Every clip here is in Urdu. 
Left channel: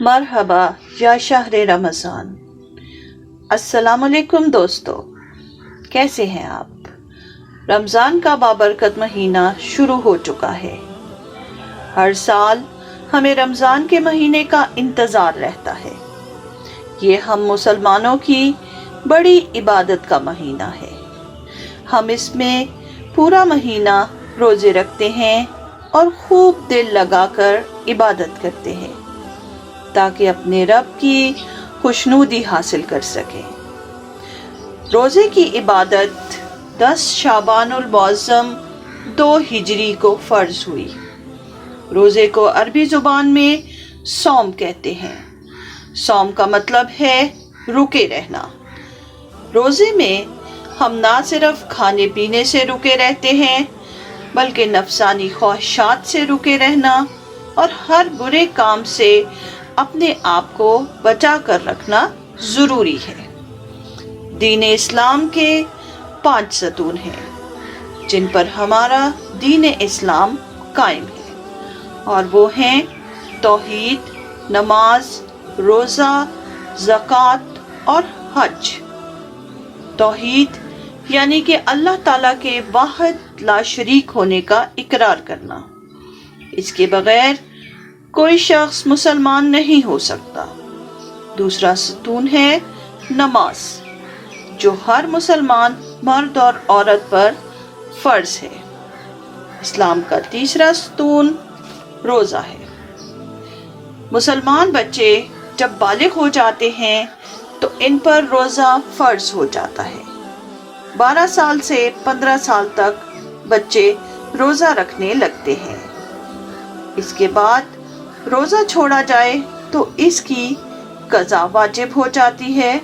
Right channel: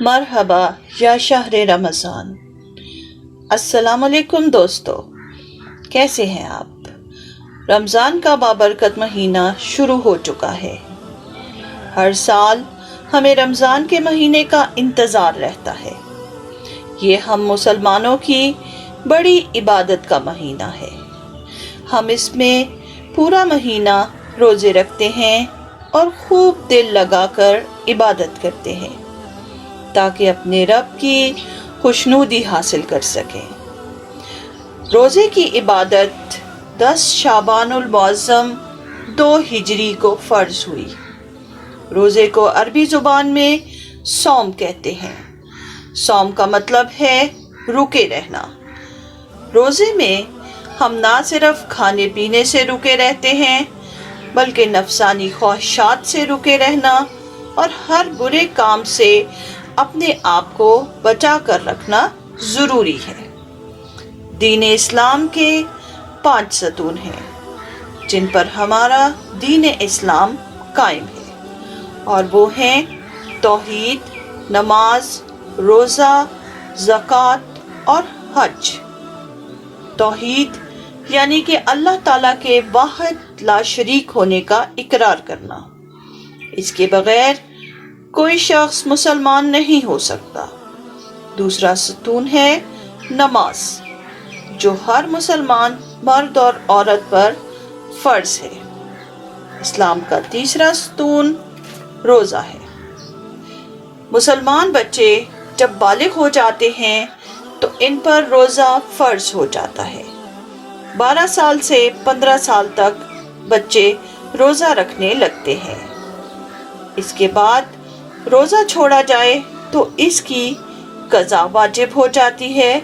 مرحبا یا شہر رمضان۔ السلام علیکم دوستو، کیسے ہیں آپ؟ رمضان کا بابرکت مہینہ شروع ہو چکا ہے۔ ہر سال ہمیں رمضان کے مہینے کا انتظار رہتا ہے۔ یہ ہم مسلمانوں کی بڑی عبادت کا مہینہ ہے۔ ہم اس میں پورا مہینہ روزے رکھتے ہیں اور خوب دل لگا کر عبادت کرتے ہیں تاکہ اپنے رب کی خوشنودی حاصل کر سکیں۔ روزے کی عبادت 10 شعبان المعظم 2 ہجری کو فرض ہوئی۔ روزے کو عربی زبان میں صوم کہتے ہیں۔ صوم کا مطلب ہے رکے رہنا۔ روزے میں ہم نہ صرف کھانے پینے سے رکے رہتے ہیں بلکہ نفسانی خواہشات سے رکے رہنا اور ہر برے کام سے اپنے آپ کو بچا کر رکھنا ضروری ہے۔ دین اسلام کے 5 ستون ہیں جن پر ہمارا دین اسلام قائم ہے، اور وہ ہیں توحید، نماز، روزہ، زکوٰۃ اور حج۔ توحید یعنی کہ اللہ تعالیٰ کے واحد لا شریک ہونے کا اقرار کرنا۔ اس کے بغیر کوئی شخص مسلمان نہیں ہو سکتا۔ دوسرا ستون ہے نماز، جو ہر مسلمان مرد اور عورت پر فرض ہے۔ اسلام کا تیسرا ستون روزہ ہے۔ مسلمان بچے جب بالغ ہو جاتے ہیں تو ان پر روزہ فرض ہو جاتا ہے۔ 12 سال سے 15 سال تک بچے روزہ رکھنے لگتے ہیں۔ اس کے بعد روزہ چھوڑا جائے تو اس کی قضا واجب ہو جاتی ہے،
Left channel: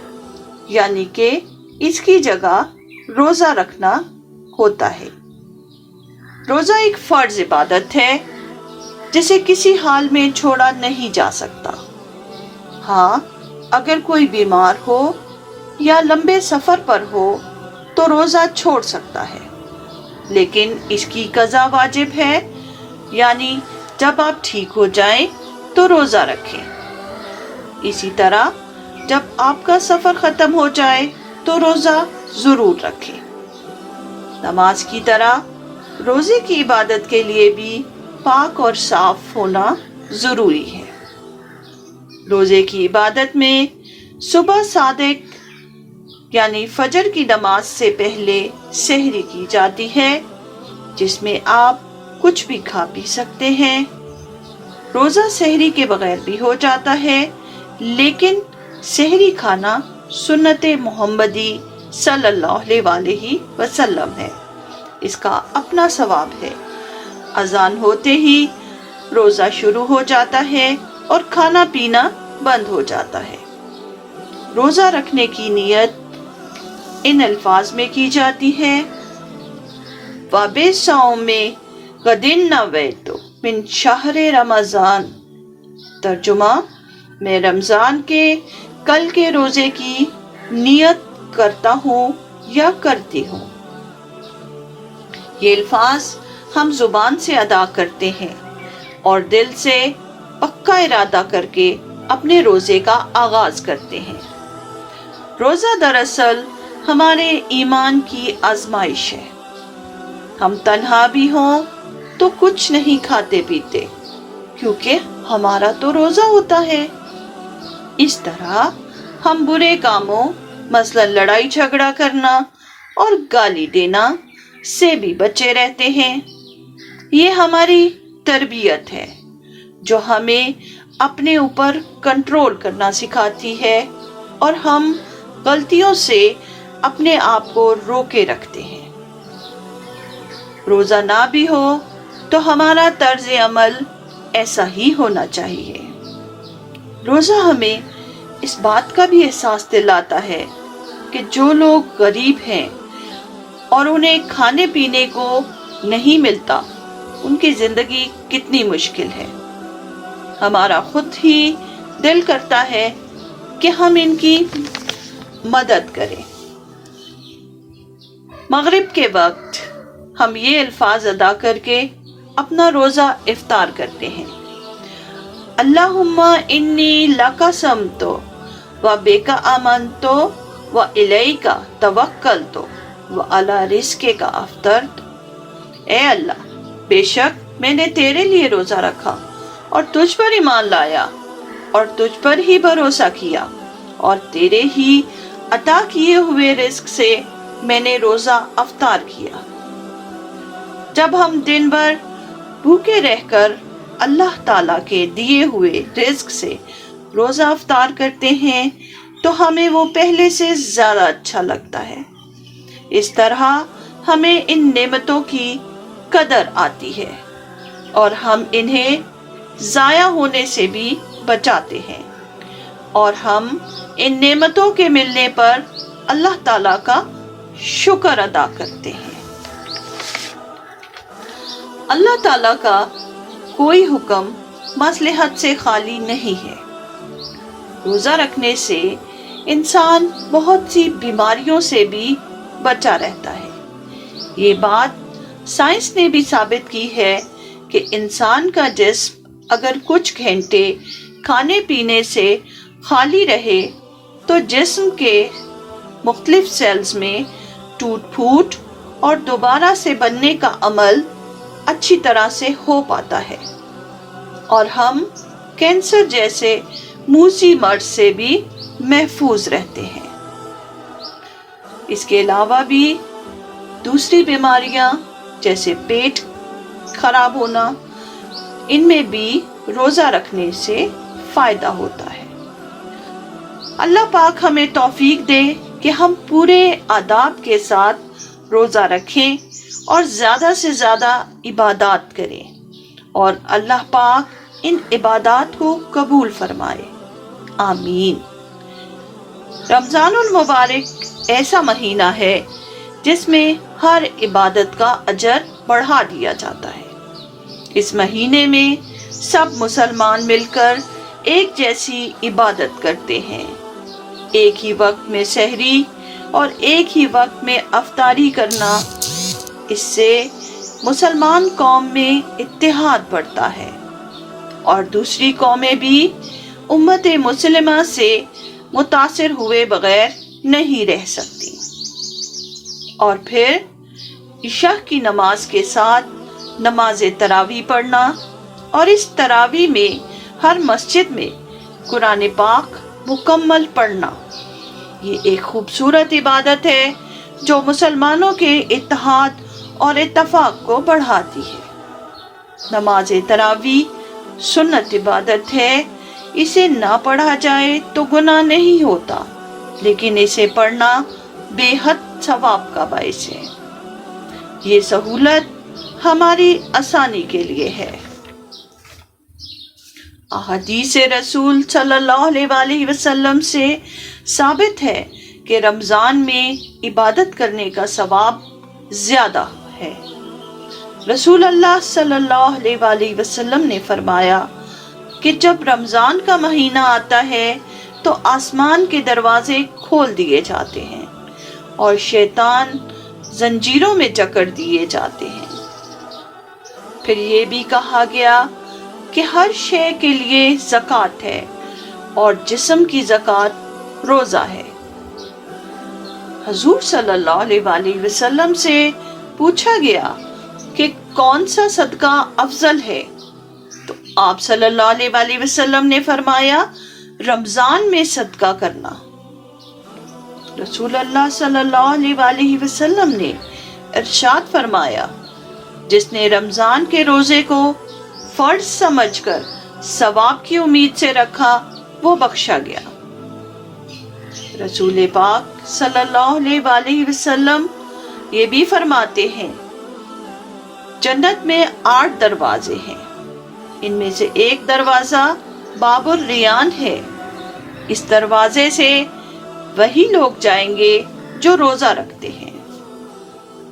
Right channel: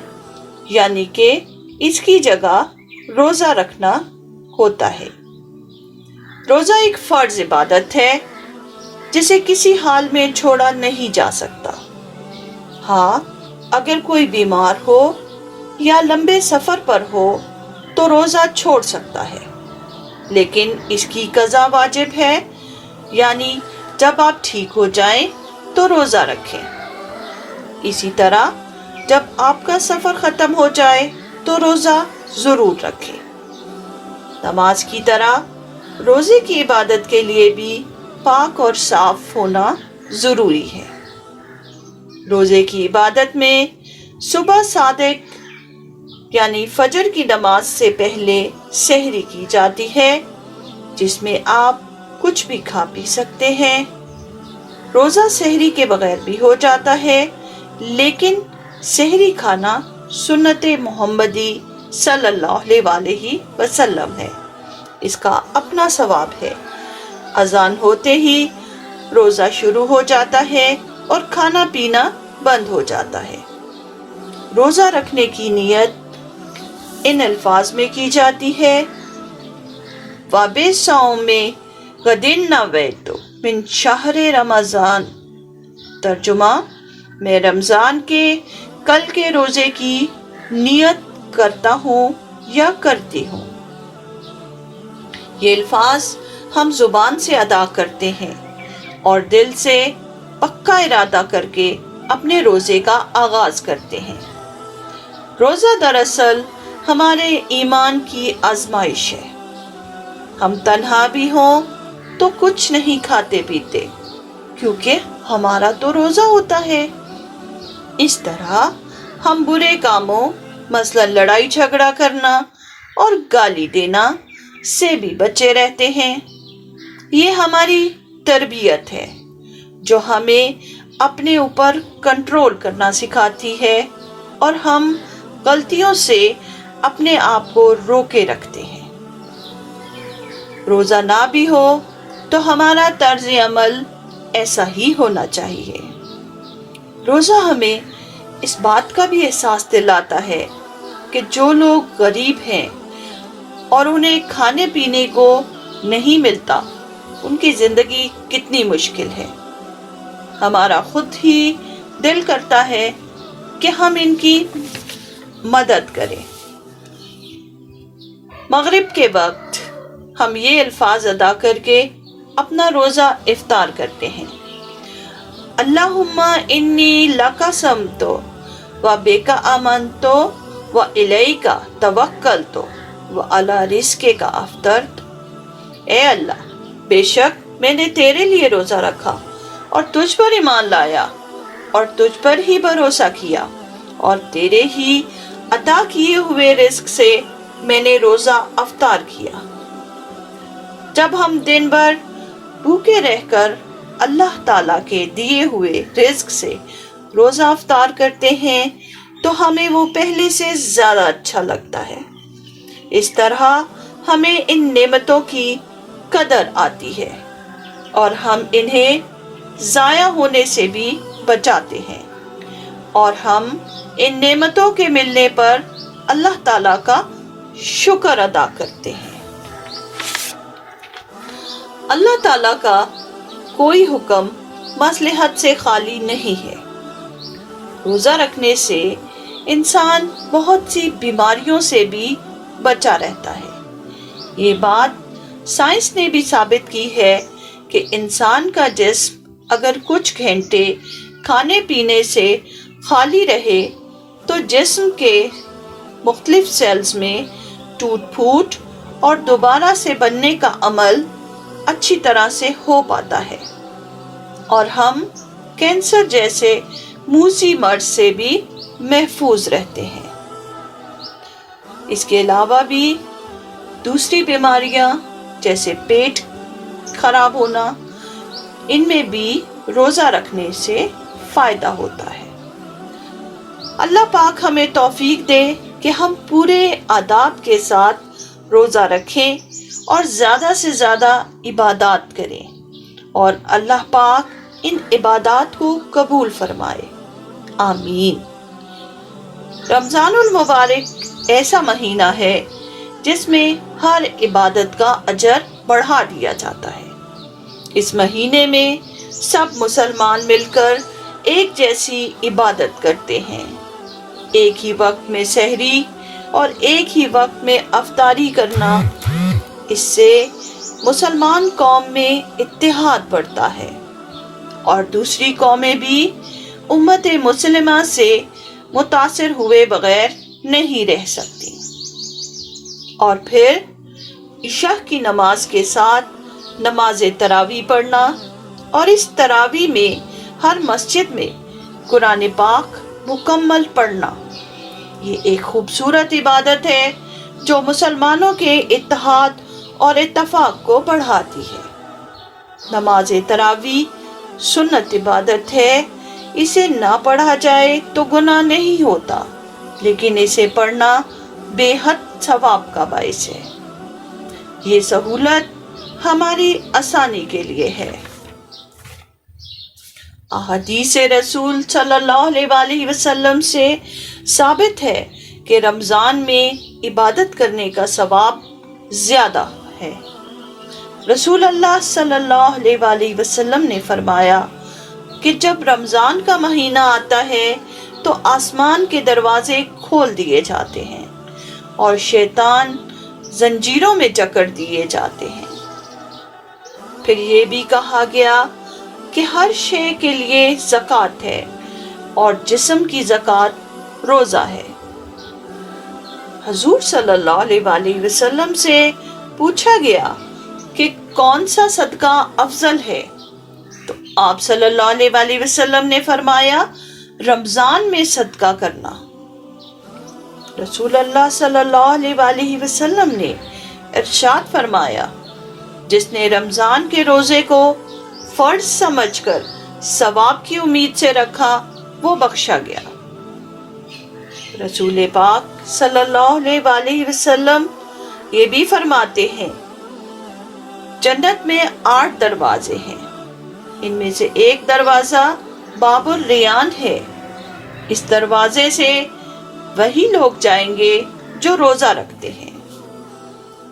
یعنی کہ اس کی جگہ روزہ رکھنا ہوتا ہے۔ روزہ ایک فرض عبادت ہے جسے کسی حال میں چھوڑا نہیں جا سکتا۔ ہاں، اگر کوئی بیمار ہو یا لمبے سفر پر ہو تو روزہ چھوڑ سکتا ہے، لیکن اس کی قضا واجب ہے، یعنی جب آپ ٹھیک ہو جائیں تو روزہ رکھیں۔ اسی طرح جب آپ کا سفر ختم ہو جائے تو روزہ ضرور رکھیں۔ نماز کی طرح روزے کی عبادت کے لیے بھی پاک اور صاف ہونا ضروری ہے۔ روزے کی عبادت میں صبح صادق یعنی فجر کی نماز سے پہلے سحری کی جاتی ہے، جس میں آپ کچھ بھی کھا پی سکتے ہیں۔ روزہ سحری کے بغیر بھی ہو جاتا ہے، لیکن سحری کھانا سنت محمدی صلی اللہ علیہ وسلم ہے۔ اس کا اپنا ثواب ہے۔ اذان ہوتے ہی روزہ شروع ہو جاتا ہے اور کھانا پینا بند ہو جاتا ہے۔ روزہ رکھنے کی نیت ان الفاظ میں کی جاتی ہے: وَبِصَوْمِ غَدٍ نَوَیْتُ مِن شَہْرِ رمضان۔ ترجمہ: میں رمضان کے کل کے روزے کی نیت کرتا ہوں یا کرتی ہوں۔ یہ الفاظ ہم زبان سے ادا کرتے ہیں اور دل سے پکا ارادہ کر کے اپنے روزے کا آغاز کرتے ہیں۔ روزہ دراصل ہمارے ایمان کی آزمائش ہے۔ ہم تنہا بھی ہوں تو کچھ نہیں کھاتے پیتے، کیونکہ ہمارا تو روزہ ہوتا ہے۔ اس طرح ہم برے کاموں مثلا لڑائی جھگڑا کرنا اور گالی دینا سے بھی بچے رہتے ہیں۔ یہ ہماری تربیت ہے جو ہمیں اپنے اوپر کنٹرول کرنا سکھاتی ہے، اور ہم غلطیوں سے اپنے آپ کو روکے رکھتے ہیں۔ روزہ نہ بھی ہو تو ہمارا طرز عمل ایسا ہی ہونا چاہیے۔ روزہ ہمیں اس بات کا بھی احساس دلاتا ہے کہ جو لوگ غریب ہیں اور انہیں کھانے پینے کو نہیں ملتا، ان کی زندگی کتنی مشکل ہے۔ ہمارا خود ہی دل کرتا ہے کہ ہم ان کی مدد کریں۔ مغرب کے وقت ہم یہ الفاظ ادا کر کے اپنا روزہ افطار کرتے ہیں۔ اللہم انی لک صمتو و بک آمنتو و الیک توکلتو و علی رزقک افطرت۔ اے اللہ، بے شک میں نے تیرے لیے روزہ رکھا اور تجھ پر ایمان لایا اور تجھ پر ہی بھروسہ کیا، اور تیرے ہی عطا کیے ہوئے رزق سے میں نے روزہ افطار کیا۔ جب ہم دن بھر بھوکے رہ کر اللہ تعالیٰ کے دیے ہوئے رزق سے روزہ افطار کرتے ہیں تو ہمیں وہ پہلے سے زیادہ اچھا لگتا ہے۔ اس طرح ہمیں ان نعمتوں کی قدر آتی ہے اور ہم انہیں ضائع ہونے سے بھی بچاتے ہیں، اور ہم ان نعمتوں کے ملنے پر اللہ تعالیٰ کا شکر ادا کرتے ہیں۔ اللہ تعالیٰ کا کوئی حکم مصلحت سے خالی نہیں ہے۔ روزہ رکھنے سے انسان بہت سی بیماریوں سے بھی بچا رہتا ہے۔ یہ بات سائنس نے بھی ثابت کی ہے کہ انسان کا جسم اگر کچھ گھنٹے کھانے پینے سے خالی رہے تو جسم کے مختلف سیلز میں ٹوٹ پھوٹ اور دوبارہ سے بننے کا عمل اچھی طرح سے ہو پاتا ہے، اور ہم کینسر جیسے موذی مرض سے بھی محفوظ رہتے ہیں۔ اس کے علاوہ بھی دوسری بیماریاں جیسے پیٹ خراب ہونا، ان میں بھی روزہ رکھنے سے فائدہ ہوتا ہے۔ اللہ پاک ہمیں توفیق دے کہ ہم پورے آداب کے ساتھ روزہ رکھیں اور زیادہ سے زیادہ عبادات کریں، اور اللہ پاک ان عبادات کو قبول فرمائے، آمین۔ رمضان المبارک ایسا مہینہ ہے جس میں ہر عبادت کا اجر بڑھا دیا جاتا ہے۔ اس مہینے میں سب مسلمان مل کر ایک جیسی عبادت کرتے ہیں، ایک ہی وقت میں سحری اور ایک ہی وقت میں افطاری کرنا۔ اس سے مسلمان قوم میں اتحاد بڑھتا ہے اور دوسری قومیں بھی امت مسلمہ سے متاثر ہوئے بغیر نہیں رہ سکتی۔ اور پھر عشاء کی نماز کے ساتھ نماز تراویح پڑھنا، اور اس تراویح میں ہر مسجد میں قرآن پاک مکمل پڑھنا، یہ ایک خوبصورت عبادت ہے جو مسلمانوں کے اتحاد اور اتفاق کو بڑھاتی ہے۔ نماز تراویح سنت عبادت ہے، اسے نہ پڑھا جائے تو گناہ نہیں ہوتا، لیکن اسے پڑھنا بے حد ثواب کا باعث ہے۔ یہ سہولت ہماری آسانی کے لیے ہے۔ احادیث رسول صلی اللہ علیہ وسلم سے ثابت ہے کہ رمضان میں عبادت کرنے کا ثواب زیادہ ہے۔ رسول اللہ صلی اللہ علیہ وسلم نے فرمایا کہ جب رمضان کا مہینہ آتا ہے تو آسمان کے دروازے کھول دیے جاتے ہیں اور شیطان زنجیروں میں جکڑ دیے جاتے ہیں۔ پھر یہ بھی کہا گیا کہ ہر شے کے لیے زکوٰۃ ہے، اور جسم کی زکوٰۃ روزہ ہے۔ حضور صلی اللہ علیہ وسلم سے پوچھا گیا کہ کون سا صدقہ افضل ہے، تو آپ صلی اللہ علیہ وسلم نے فرمایا رمضان میں صدقہ کرنا۔ رسول اللہ صلی اللہ علیہ وسلم نے ارشاد فرمایا جس نے رمضان کے روزے کو فرض سمجھ کر ثواب کی امید سے رکھا وہ بخشا گیا۔ رسول پاک صلی اللہ علیہ وسلم یہ بھی فرماتے ہیں جنت میں 8 دروازے ہیں، ان میں سے ایک دروازہ باب الریان ہے، اس دروازے سے وہی لوگ جائیں گے جو روزہ رکھتے ہیں۔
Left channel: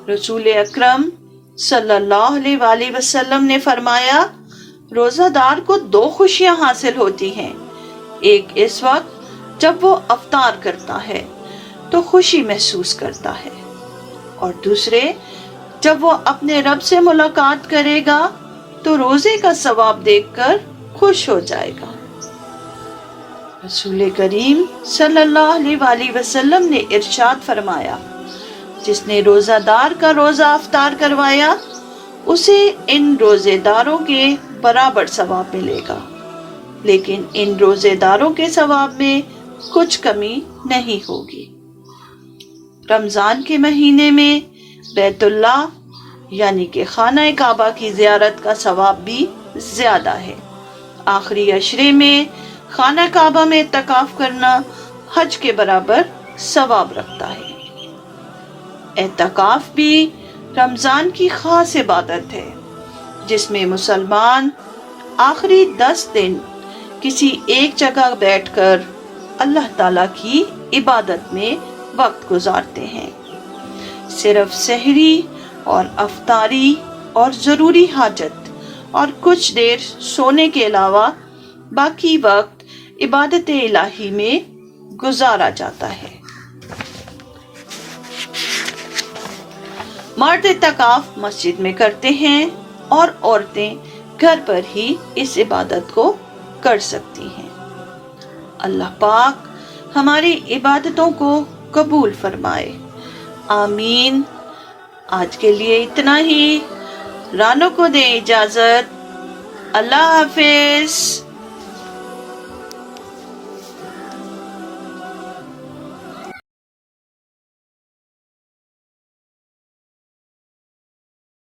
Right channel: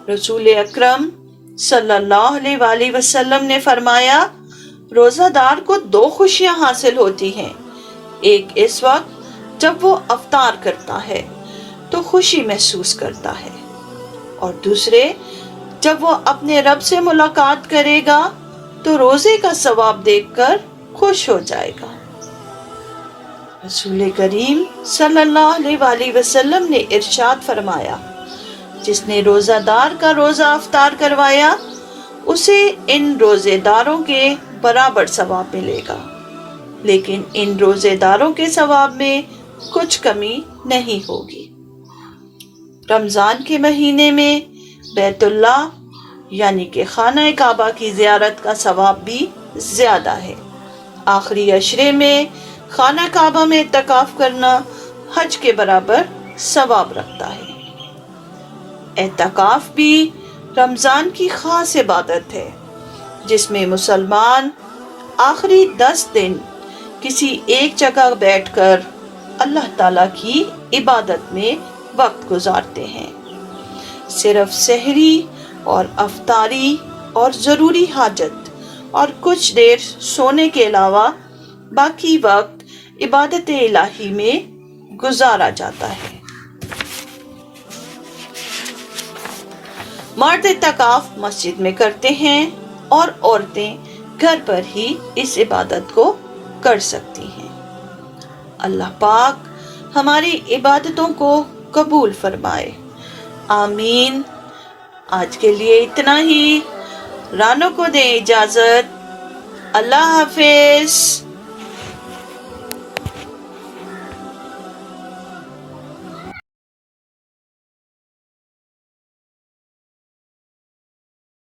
رسول اکرم صلی اللہ علیہ وسلم نے فرمایا روزہ دار کو 2 خوشیاں حاصل ہوتی ہیں، ایک اس وقت جب وہ افطار کرتا ہے تو خوشی محسوس کرتا ہے، اور دوسرے جب وہ اپنے رب سے ملاقات کرے گا تو روزے کا ثواب دیکھ کر خوش ہو جائے گا۔ رسول کریم صلی اللہ علیہ وآلہ وسلم نے ارشاد فرمایا، جس نے روزہ دار کا روزہ افطار کروایا اسے ان روزے داروں کے برابر ثواب ملے گا، لیکن ان روزے داروں کے ثواب میں کچھ کمی نہیں ہوگی۔ رمضان کے مہینے میں بیت اللہ یعنی کہ خانہ کعبہ کی زیارت کا ثواب بھی زیادہ ہے۔ آخری عشرے میں خانہ کعبہ میں اعتکاف کرنا حج کے برابر ثواب رکھتا ہے۔ اعتکاف بھی رمضان کی خاص عبادت ہے جس میں مسلمان آخری 10 دن کسی ایک جگہ بیٹھ کر اللہ تعالیٰ کی عبادت میں وقت گزارتے ہیں۔ صرف سحری اور افطاری اور ضروری حاجت اور کچھ دیر سونے کے علاوہ باقی وقت عبادت الہی میں گزارا جاتا ہے۔ مرد اعتکاف مسجد میں کرتے ہیں اور عورتیں گھر پر ہی اس عبادت کو کر سکتی ہیں۔ اللہ پاک ہماری عبادتوں کو قبول فرمائے، آمین۔ آج کے لیے اتنا ہی، رانو کو دے اجازت، اللہ حافظ۔